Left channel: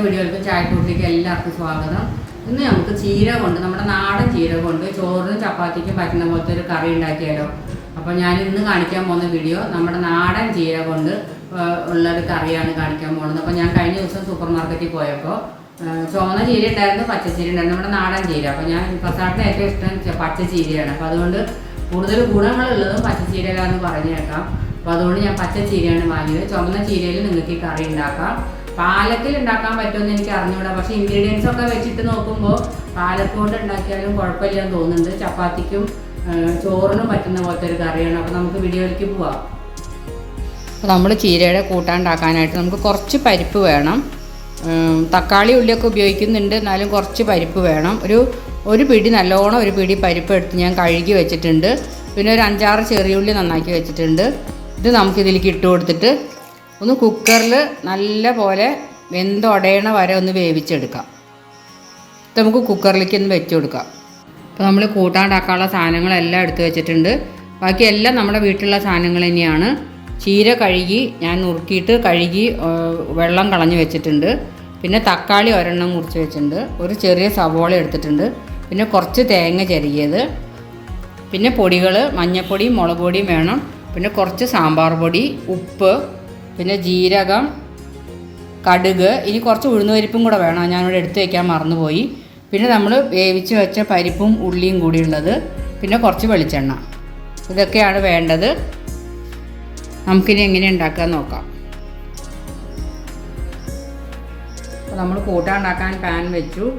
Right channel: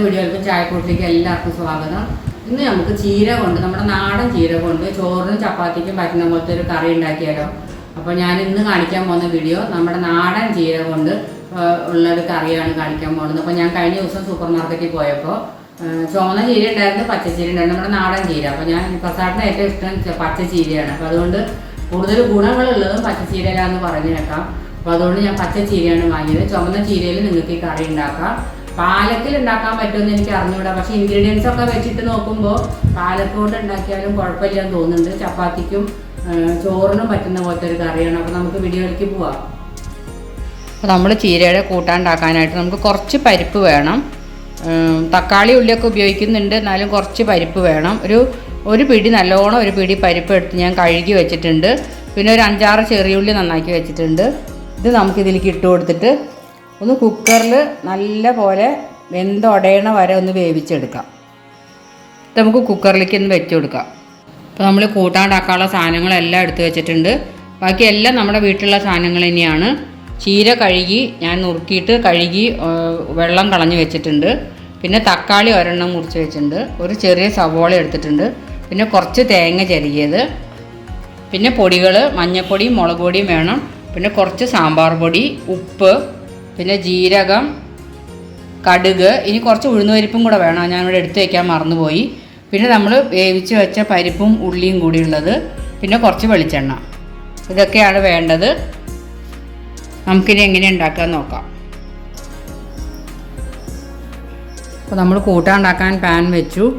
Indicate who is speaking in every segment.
Speaker 1: ഇന്നത്തെ വീഡിയോയിലേക്ക് ചായക്കൂട്ടിലേക്ക് എല്ലാവർക്കും സ്വാഗതം. ഇന്ന് നമുക്ക് ചീര കൊണ്ട് നമ്മുടെ നാടൻ ചീര കൊണ്ട് ചോറിനും ചപ്പാത്തിക്കും പറ്റുന്ന പോലത്തെ ഒരു കറി ഉണ്ടാക്കിയാലോ. അപ്പോൾ ഞാൻ ഇന്ന് കാണിക്കാൻ പോകുന്ന വീഡിയോ നമ്മുടെ നാടൻ ചീര കൊണ്ട് ഉള്ളൊരു കറിയാണ് കാണിക്കാൻ പോകുന്നത്. അപ്പോൾ ഞാൻ കഴിഞ്ഞ ദിവസം സൂപ്പർ മാർക്കറ്റിൽ പോയപ്പോൾ ചുവന്ന ചീര ഉണ്ടായിരുന്നു പച്ചച്ചീര ഉണ്ടായിരുന്നു നമ്മുടെ നാടൻ ചീര. അപ്പോൾ ഞാൻ പ്രസാദിന് ഏറ്റവും ഇഷ്ടം പച്ചച്ചീരയാണ് പച്ച ചീരയാണ്. അപ്പോൾ അതുകൊണ്ട് കൂടുതൽ ഗുണങ്ങളുള്ളതും പറഞ്ഞു പറഞ്ഞേക്കാം. അപ്പോൾ അതുകൊണ്ട് ഞാൻ പച്ച ചീരയാണ് വാങ്ങിയത്. ചുമന്ന ചീരയിൽ നിങ്ങൾക്ക് ഈ കറി ഉണ്ടാക്കാം. പാലക്കിൽ ഉണ്ടാക്കാൻ പറ്റുമെന്ന് എനിക്ക് അറിഞ്ഞൂടാ. പക്ഷെ ഇൻഗ്രീഡിയൻസ് ഒക്കെ വെച്ചിട്ട് നോക്കുമ്പോൾ കൊണ്ട് ഉണ്ടാക്കിയാലും കുഴപ്പമില്ലെന്ന് തോന്നുന്നുണ്ട്. ചപ്പാത്തിക്കും ചോറിനും പറ്റുന്ന പോലത്തെ ഒരു കറിയാണ്. അപ്പോൾ നമുക്ക് വീഡിയോയിലേക്ക് പോവാം. അപ്പോൾ നമ്മൾ ചീരയുടെ കൂട്ടാണ്ടാക്കാനായിട്ട് നമുക്ക് കുറച്ച് പരിപ്പ് വേണം. തക്കാളി ഉള്ളിയൊക്കെ ഉപയോഗിക്കുന്നുണ്ട്. എന്നാലും കുറച്ച് പരിപ്പ് വേണം. ഒരു ഒരു പിടി നല്ലോണം ഒരു പിടി പരിപ്പ് എടുത്ത് ഞാൻ കഴുകി വെച്ചിട്ടുണ്ട്. പിന്നെ ഒരു അഞ്ചാറ് ചെറിയ ഉള്ളി നന്നാക്കി വെച്ചിട്ടുണ്ട്. ഇത് നമുക്കിതിലേക്ക് ഇട്ട് കൊടുത്തിട്ട് ഒന്ന് കുക്കറിൽ നല്ല പോലെ വെന്തൊടയണ വരെ ഒന്ന് വേവിച്ചെടുക്കാം. ഇത് നമുക്ക് കുക്കറിലേക്ക് ഒന്ന് വെച്ച് കൊടുക്കാം അപ്പോൾ നമ്മൾ കൂട്ടാണ്ടാക്കാനുള്ള സാധനങ്ങളെല്ലാം എടുത്തു വെച്ചിട്ടുണ്ട്. ബാക്കി എല്ലാം നമ്മുടെ വീട്ടിലുള്ള സാധനങ്ങൾ തന്നെയാണ്. ചീര കഴുകി ഞാൻ നുറുക്കിയിട്ട് കഴുകി വെള്ളം കളഞ്ഞ് വെച്ചിട്ടുണ്ട്. പിന്നെ തക്കാളി ഒരെണ്ണം മുറിച്ച് വെച്ചിട്ടുണ്ട്. ഒരു ചെറിയ സവോള എടുത്തിട്ടുണ്ട്. പിന്നെ കുറച്ച് തേങ്ങ ചെറിയത് പിന്നെ പൊടികൾ മഞ്ഞൾപ്പൊടിയും മുളക് പൊടിയും വേണം. പിന്നെ കുറച്ച് സാമ്പാർ പൊടി ഉപ്പ് പിന്നെ ജീരകം കടുക് ഇനി കുറച്ച് ഉഴുന്നുപരിപ്പും കൂടെ വേണം. ഞാനിവിടെ എടുത്തു വയ്ക്കാൻ മറന്നുപോയി. പിന്നെ നമ്മൾ വേവിച്ച് വെച്ച പരിപ്പും ഉള്ളിയും കൂടി ഉള്ളത്. പിന്നെ കുറച്ച് വെളിച്ചെണ്ണ. ഇതൊക്കെയാണ് വേണ്ടത്. നമുക്കിനി എങ്ങനെ ഉണ്ടാക്കാൻ നോക്കാം. അപ്പോൾ നമ്മൾ കൂട്ടാണ്ടാക്കാൻ പാൻ വെച്ചു.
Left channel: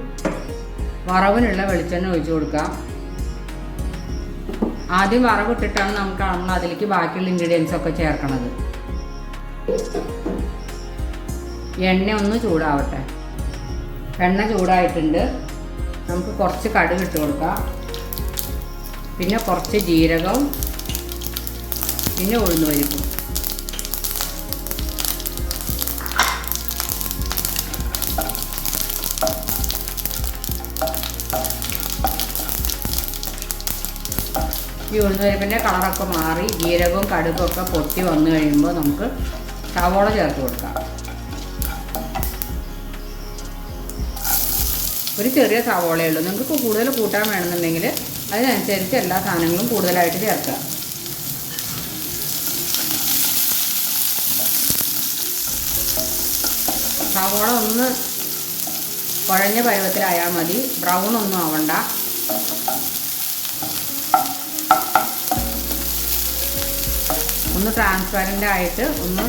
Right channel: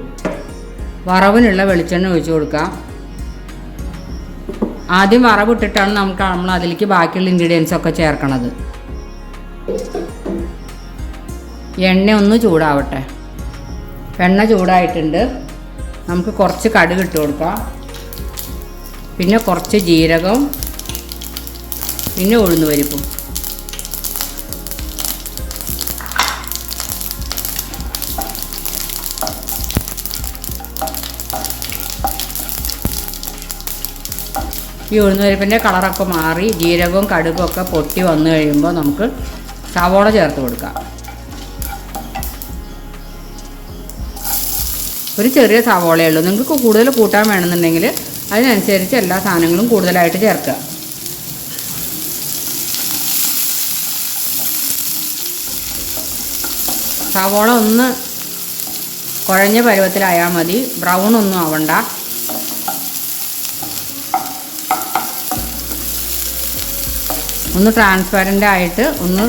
Speaker 1: വറവിനുള്ള വെളിച്ചെണ്ണ ഒഴിച്ച് കൊടുക്കാം. ആദ്യം വറവിട്ടിട്ടാണ് നമുക്ക് നമ്മൾ അതിലേക്ക് ബാക്കിയുള്ള ഇൻഗ്രീഡിയൻസ് ഒക്കെ ചേർക്കണത്. എണ്ണ ഒന്ന് ചൂടാവട്ടെ. എണ്ണ ചൂടായിട്ടുണ്ട്. നമുക്ക് കുറച്ച് കടുക് ഇട്ട് കൊടുക്കാം. പിന്നെ കുറച്ച് ജീരകവും പിന്നെ ഉഴുന്ന് പരിപ്പും. ഈ ഉഴുന്നുപരിപ്പിന്റെ കളറൊക്കെ മാറി ജീരകവും കടുപ്പൊക്കെ പൊട്ടി വന്നു കഴിയുമ്പോൾ നമുക്ക് സവോള ചേർത്ത് കൊടുക്കാം. ഒരു ചെറിയ സവോളയേ ഉള്ളൂ. നിങ്ങൾക്ക് കൂടുതൽ കൂട്ടാൻ വേണമെന്നുണ്ടെങ്കിൽ അതിനനുസരിച്ച് എല്ലാ സാധനങ്ങളും കൂടുതലായിട്ട് ചേർക്കുക. സവോള ഒന്ന് കുഴഞ്ഞ പരുവത്തിലായാൽ മതി. ബ്രൗൺ ഒന്നും ആവണ്ട. ഒന്ന് ട്രാൻസ്പെറന്റ് ആയിട്ട് ഒന്ന്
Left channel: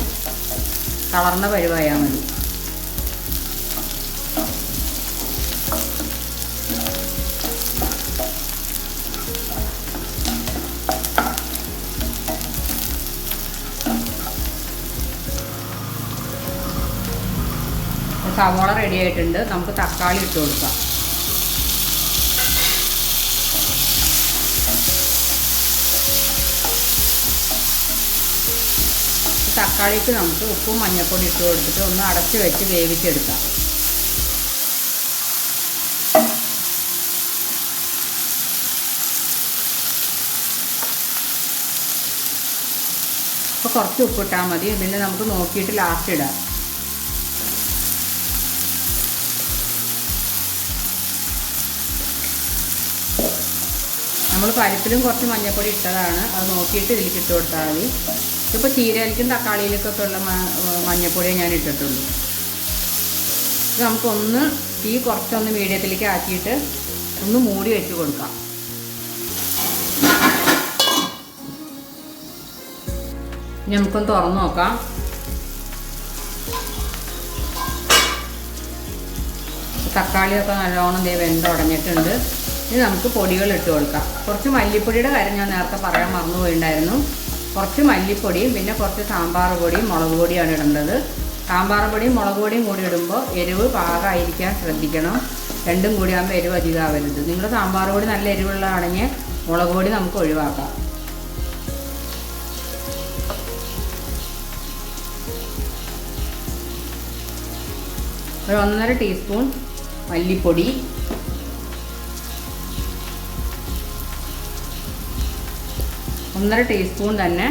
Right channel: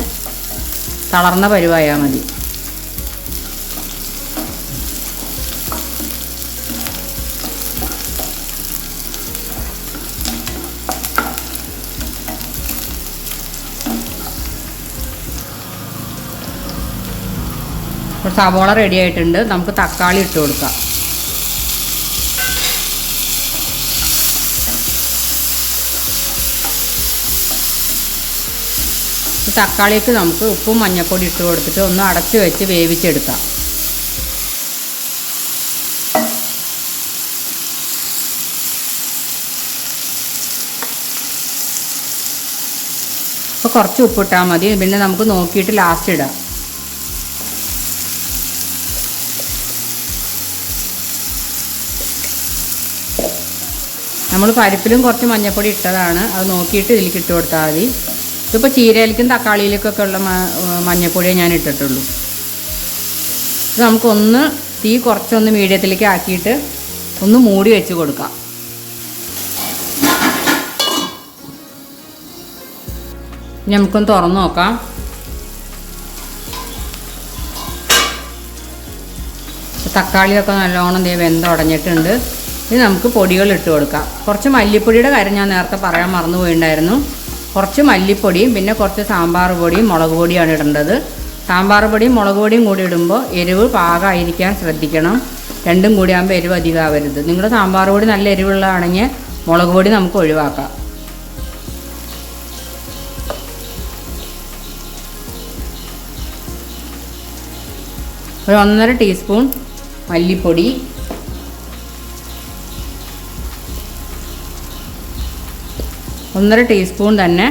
Speaker 1: തളർന്ന പരുവായാൽ മതി. സവോള റെഡി ആയിട്ടുണ്ട്. നമുക്ക് തക്കാളി ഇട്ട് കൊടുക്കാം. തക്കാളിക്ക് നമുക്ക് ഉപ്പും മഞ്ഞൾപ്പൊടി ഇട്ട് കൊടുത്തിട്ട് ഒന്ന് അടച്ച് വെച്ച് വേവിച്ചെടുക്കാം. അപ്പോൾ കുറച്ച് ഉപ്പിട്ടാൽ മതി. പിന്നെ നമുക്ക് നോക്കിയിട്ട് ലാസ്റ്റ് ഇടാം. നമ്മൾ പരിപ്പിലും കുറച്ച് മഞ്ഞൾപ്പൊടി ഇട്ടതാണ്. അത് നോക്കിയിട്ട് ഇതിലേക്ക് ഇട്ട് കൊടുത്താൽ മതി. ഇതിപ്പോൾ ചീരയിലേക്കും തക്കാളിയിലേക്കൊക്കെ ഉള്ള മ- മഞ്ഞൾപ്പൊടിയേ ഞാൻ ഇട്ടിട്ടുള്ളൂ. ഇത് നമുക്കൊന്ന് തീ കുറച്ചൊന്ന് മീഡിയത്തിലേക്ക് ആക്കിയിട്ട് ഒന്ന് മൂടി വെച്ച് കൊടുക്കാം. നമുക്കൊന്ന് തുറന്നു നോക്കാം. തക്കാളിയൊക്കെ നല്ലോണം ദേ വെന്തുടഞ്ഞിട്ടുണ്ട് ഇനി നമുക്ക് പൊടികൾ ഇട്ട് കൊടുക്കാം. കുറച്ച് മല്ലിപ്പൊടിയുടെ കാര്യം ഞാൻ നേരത്തെ പറയാൻ മറന്നു പോയിണ്ടായിരുന്നു കുറച്ച് മല്ലിപ്പൊടിയും പിന്നെ കുറച്ച് സാമ്പാർ പൊടിയും മുളക് പൊടിയാണ് ഇടേണ്ടത്. സാമ്പാർ പൊടിയും മുളക് പൊടിയും കൂടി ഇടുമ്പോൾ എരിവ് പാകമായിരിക്കാൻ ശ്രദ്ധിക്കണം. രണ്ടും കൂടി ആകുമ്പോൾ എരിവ് അധികമാവരുത്. നിങ്ങൾ സാമ്പാർ പൊടി നല്ല എരിവുള്ളതാണെങ്കിൽ മുളക് പൊടി നമുക്ക് ഒഴിവാക്കാം. ഒരു ഒന്നര ടീസ്പൂൺ മല്ലിപ്പൊടി ഒന്നര ടീസ്പൂൺ തന്നെ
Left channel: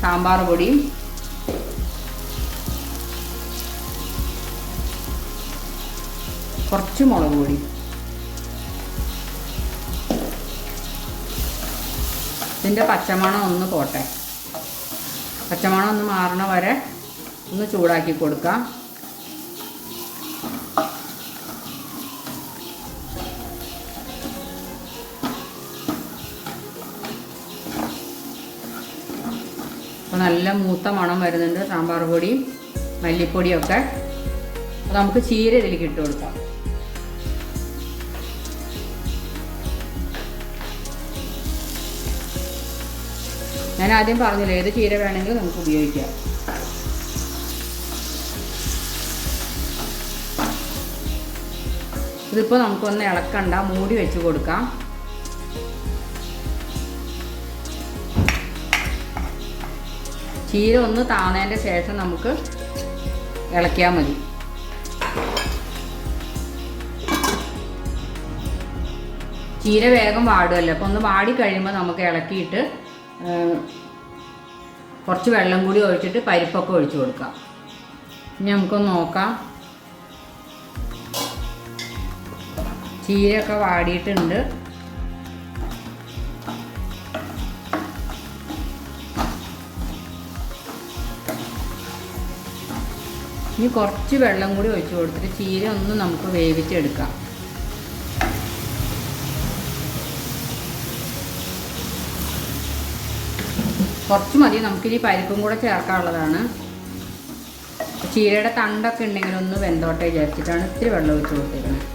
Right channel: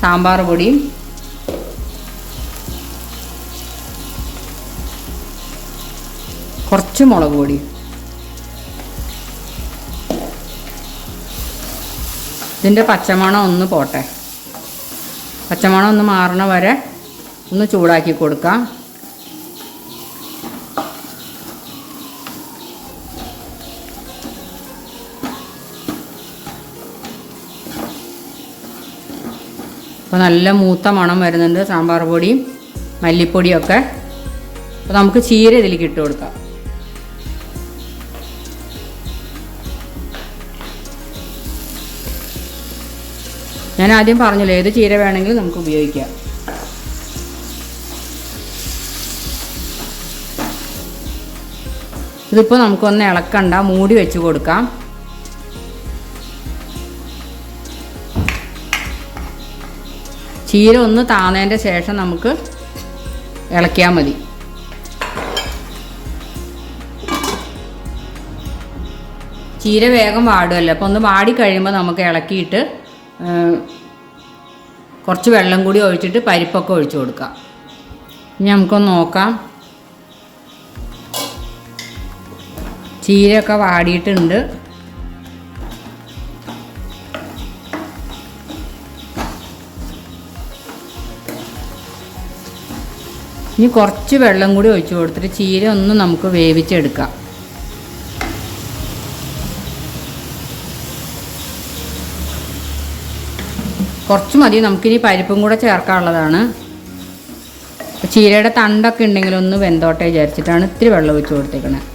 Speaker 1: സാമ്പാർ പൊടിയും. കുറച്ച് മുളക് പൊടി. ഇതിന്റെ പച്ചമണം ഒന്ന് പോട്ടെ. പച്ചമണം ഒന്ന് മാറണ വരെ ഒന്ന് ചൂടാക്കി കൊടുക്കാം. അപ്പോൾ നല്ല മൂത്ത മണം വരുന്നുണ്ട് സാമ്പാർ പൊടിയും മല്ലിപ്പൊടിയും ഒക്കെ അപ്പോൾ നമുക്ക് ചീര ഇതിലേക്ക് ഇട്ട് കൊടുക്കാം. ഞാൻ ആദ്യം പറഞ്ഞല്ലോ ഏത് ചീര വേണമെങ്കിലും നമുക്ക് ഉപയോഗിക്കാം. ഇതിപ്പോൾ നമുക്കൊന്ന് ഇളക്കണ്ട മൂടി വെച്ച് കൊടുക്കാം. ചീര ഒന്ന് താന്നതിന്റെ ശേഷം നമുക്ക് ഇളക്കിയാൽ മതി. ചീര വേഗം വാടുമല്ലോ അപ്പോൾ ഒന്ന് വാടി കഴിയുമ്പോൾ നമുക്ക് ഇളക്കിയിട്ട് കുറച്ച് വെള്ളം കൂടി ഒഴിച്ചിട്ട് പരിപ്പൊക്കെ ഒഴിച്ചു കൊടുക്കാം. ഇനി നമുക്കൊന്ന് നോക്കാം. ചീരയൊക്കെ വാടിയിട്ടുണ്ട്. ഇനി കുറച്ച് വെള്ളം കൂടി ഒഴിച്ചു കൊടുത്തിട്ട് ചീര ഒന്ന് നമുക്ക് വേവിച്ചെടുക്കാം. കുറച്ച് മതി നമുക്കിനി പരിപ്പും കൂടെ ചേർക്കാനുള്ളതാണ്. ചീരയുടെ തണ്ടൊക്കെ ഉണ്ടെങ്കിൽ ഒന്ന് വെന്തോട്ടെ വിചാരിച്ചിട്ടാണ് ഇത്തിരി വെള്ളം ഒഴിച്ച് കൊടുത്തേക്കുന്നത്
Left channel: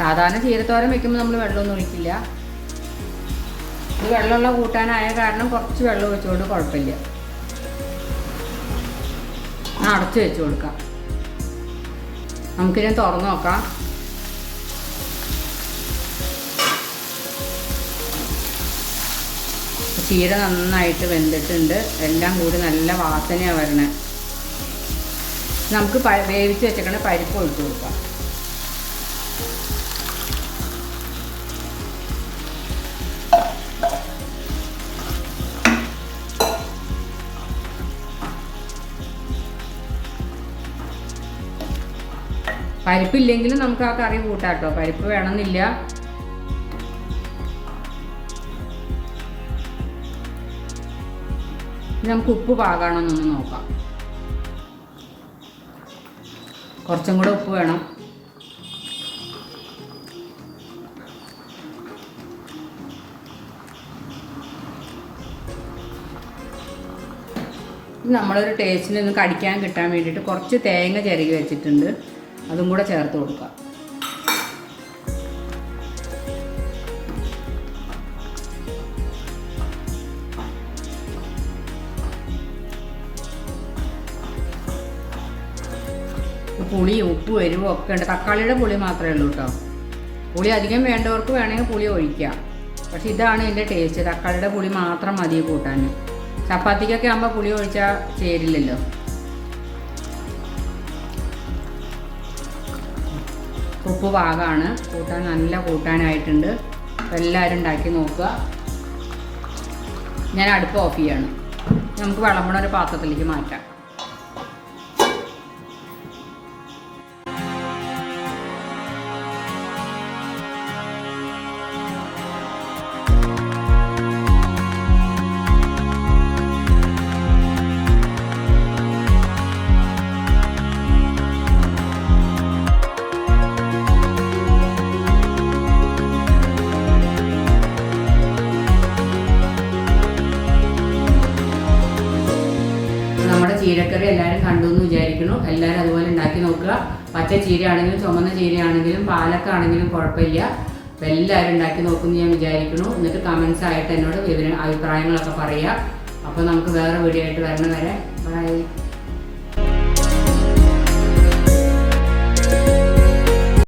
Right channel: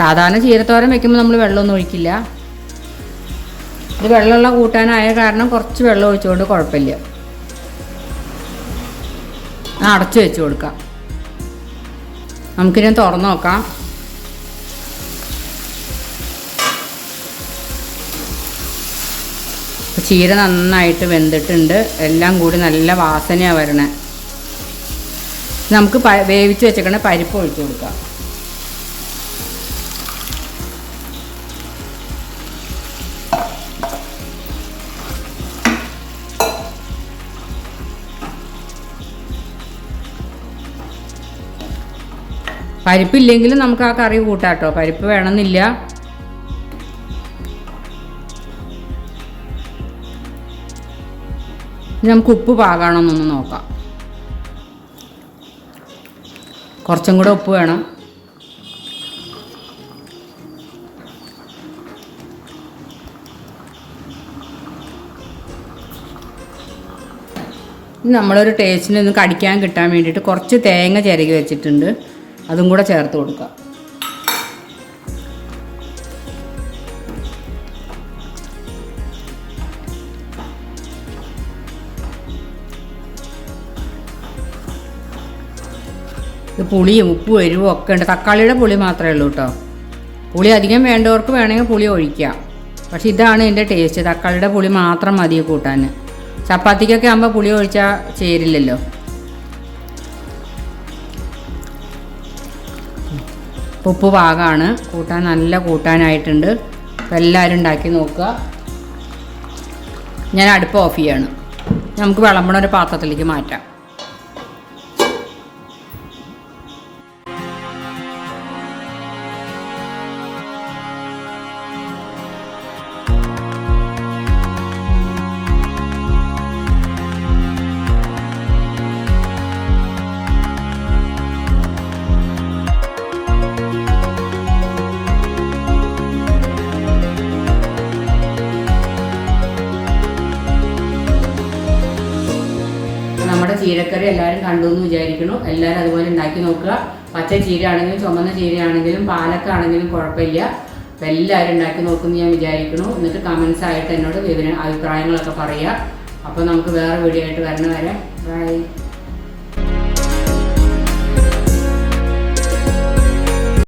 Speaker 1: സാധാരണ ചീരത്തോരൻ വെക്കുമ്പോൾ നമ്മൾ വെള്ളമൊന്നും ഒഴിക്കില്ല. ഇത് വെള്ളമുള്ള കൂട്ടാനായ കാരണം കുറച്ച് വെള്ളം ഒഴിച്ചുകൊണ്ട് കുഴപ്പമില്ല. അടച്ചു വെച്ച് കൊടുക്കാം. നമുക്കിനി തുറന്നു നോക്കാം. ചീര നന്നായിട്ട് വെന്തിട്ടുണ്ട്. എല്ലാം കൂടി നല്ല വാസനയാണ് വരണേ. നമുക്ക് വേവിച്ച് വെച്ചേക്കണ പരിപ്പ് ഒഴിച്ചു കൊടുക്കാം. പരിപ്പില്ലെങ്കിലും നമുക്ക് ആ കറി കൂട്ടാട്ടോ. പരിപ്പ് വേണമെന്നില്ല. നമുക്ക് ഉപ്പ് പാകാണമെന്നൊന്ന് നോക്കാം. കുറച്ചും കൂടെ ഉപ്പ് വേണം. നമ്മളൊരു ടേസ്റ്റിന് ഒന്ന് കടിക്കാൻ കിട്ടാൻ വേണ്ടിയിട്ട് കുറച്ച് തേങ്ങ ചിരകി വെച്ചിട്ടുണ്ട്. അതും കൂടെ ചേർത്ത് കൊടുക്കുക ഇത് പുളിയും ഉപ്പും എരിവും ഒക്കെ ഉണ്ട്. തക്കാളിയുടെ പുളി മാത്രമേ ഉള്ളൂ കേട്ടോ പുളി അധികം വേണ്ടവർക്ക് വേണമെങ്കിൽ പുളി ഒഴിക്കാം. പക്ഷെ ഇതാണ് എന്റെ ടേസ്റ്റ്. തക്കാളിയുടെ പുളി മാത്രം മതി കൂട്ടാൻ. ചപ്പാത്തിക്കൊക്കെ ആകുമ്പോൾ പുളി ഒഴിച്ചാൽ ചേരില്ലല്ലോ. ഉപ്പ് പാകമാണ് കൂട്ടാൻ നല്ല കൂട്ടാനായിട്ടുണ്ട്. അപ്പോൾ എല്ലാവരും ഉണ്ടാക്കി നോക്കുക. ഞാൻ അടുപ്പ് ഓഫ് ചെയ്യാണ്. നമുക്ക് വിളമ്പണ ഒരു പാത്രത്തിലേക്ക് മാറ്റാം. കണ്ടു എന്ന് വിചാരിക്കുന്നു. എല്ലാവരും അതുപോലെ ഉണ്ടാക്കി നോക്കുക. പച്ച ചീര ആണെങ്കിലും ചുമന്ന ചീര ആണെങ്കിലും പാലക്ക ആണെങ്കിലും കുഴപ്പമില്ല. അപ്പം എല്ലാവരും ഉണ്ടാക്കി നോക്കുമെന്ന് ഞാൻ വിചാരിക്കുന്നു. എന്നിട്ട് കമൻസ് ആയിട്ട് എന്നോട് വിവരം അഭിപ്രായങ്ങളൊക്കെ പറയുക. അപ്പോൾ നമുക്ക് വേറെ വീഡിയോ ആയിട്ട് വരണ വരെ. ബൈ